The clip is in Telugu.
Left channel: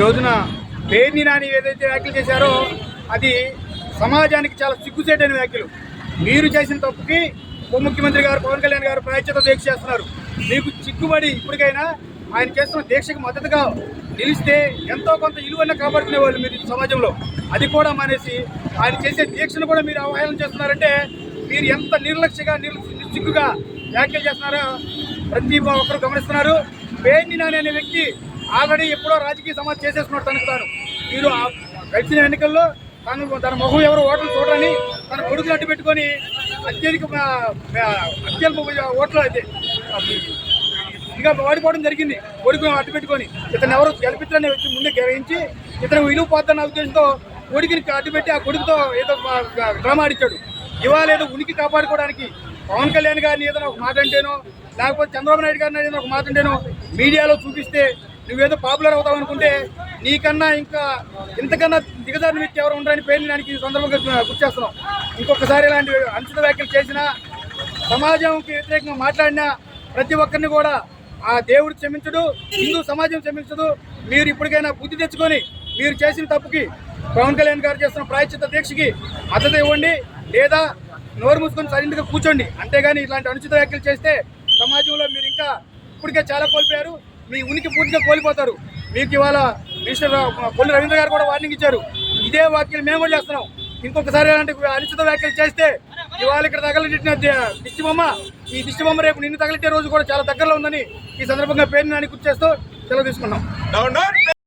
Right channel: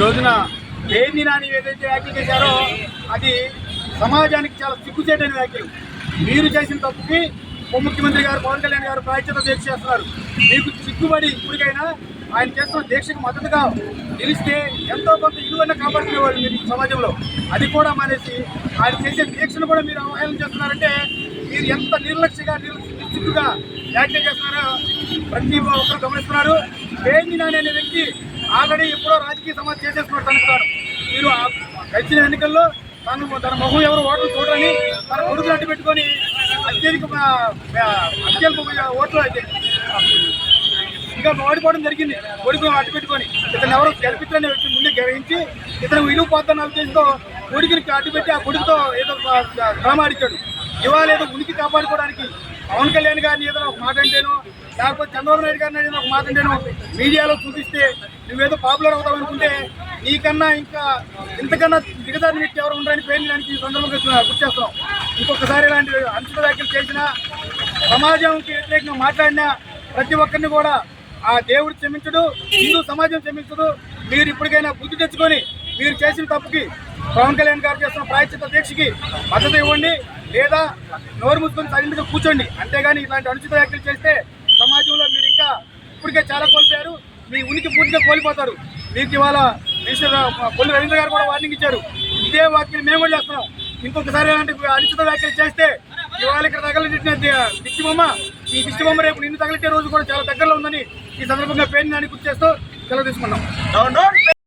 రోజున పేర్ని నాని ఏదైతే వ్యాఖ్యలు చేశారో అది సమాజానికి చాలా సిగ్గుచేటైన వ్యాఖ్యలు. మీరు చేసిన తప్పుకి ఉప ముఖ్యమంత్రి గారు పవన్ కళ్యాణ్ గారు ప్రాయశ్చిత దీక్ష చేస్తున్నారు. మీకు చిక్కుబడి ఇప్పటికైనా ఆయన చేస్తున్న దీక్షకు మద్దతుగా నిలిస్తే ఎంతో కొంత ఇలువన్న కాపాడుకునేవాళ్ళు మీరు సమాజంలో. అది కూడా మానేసి ఆయన చేసే దీక్షను కూడా మీరు అవహేళన చేస్తున్నారంటే మీరు ఎంత నిర్లక్ష్యగా నిర్లక్ష్యంగా వ్యాఖ్యలు చేస్తున్నారో ప్రతి ఒక్కరు గమనిస్తున్నారు. పేర్ని నాని అనే వ్యక్తి ఆల్రెడీ ఎప్పుడో రాజకీయ సమాజం చేసేసుకున్నట్టు అనుకుంటారు. మీరు గడిచిన ఎన్నికల్లో తను తన మొహం ఎవరు ఓట్లు చూడరని తన కొడుకులు అడ్డు పెట్టుకొని అత్యధిక అత్యల్ప ఓట్లు అయితే ఇంకా ఓడిపోవడం జరిగింది. కొడుకును అడ్డు పెట్టుకొని ఇతను ఎవరు గెలిపించాలని ముందే గ్రహించి ఇతను విలువ పోద్దన్న ఉద్దేశంతో కొడుకుని అడ్డు పెట్టి ఆ కొడుకుతో ఏదో డ్రామా ఆడిచ్చాడు. ఇవాళ ఏదో ఉనికి కాపాడుకోవడానికి పవన్ కళ్యాణ్ గారిని ఏదైనా ఒక మాట అంటేనో లేకపోతే చంద్రబాబు నాయుడు గారిని ఏదైనా ఒక మాట అంటేనో మీడియాలో చూపిస్తే నువ్వేదో పాపులర్ అవుతావు అనుకుంటే నీకన్నా ఇంకా ఇంతకన్నా దిగజారిన వ్యక్తి ఎవరు ఉండరని పేరు దానికి ఈ సందర్భంగా గుర్తు చేస్తున్నాం. ఇంకొకసారి ఇలాంటి అనుచిత వ్యాఖ్యలు చేసినా సమాజంకి వ్యతిరేకంగా మాట్లాడినా ప్రతి ఒక్కరిని కూడా ఆ దేవుడు క్షమించడు హిందూ సమాజం క్షమించదు. మీరు ఇప్పటికైనా బుద్ధి తెచ్చుకొని మీరు చేసిన తప్పుకి పవన్ కళ్యాణ్ గారు చేస్తున్న ప్రాయశ్చిత దీక్షకి మద్దతు ఇవ్వండి లేదా నోరు మూసుకొని సరిగ్గా కూర్చోండి. అంతేగాని ఇలాంటి అనుచిత వ్యాఖ్యలు చేస్తే సమాజంలో మీరు ఇంకా ఇప్పటికే చాలా కోల్పోయారు. మీ ఉనికి పూర్తిగా కోల్పోతారు. మీకు ఇవాళ మినిస్టర్ కొన్ని రవీంద్ర గారు కూడా వార్నింగ్ ఇచ్చారు. ఇదే వ్యాఖ్యలు మేము కూడా చేస్తున్నాం. ఇంకొకసారి ఇలాంటి అనిశ్చిత వ్యాఖ్యలు చేస్తే ఇవాళ ఇక్కడ తగలబెట్టిన దిష్టి బొమ్మ ఈ దిష్టి బొమ్మ రేపు నిన్ను తగిలితే రోజు కూడా చాలా దగ్గరలో ఉందని ఈ సందర్భంగా పేరుని అని గుర్తు చేస్తూ సెలవు తీసుకున్నాం.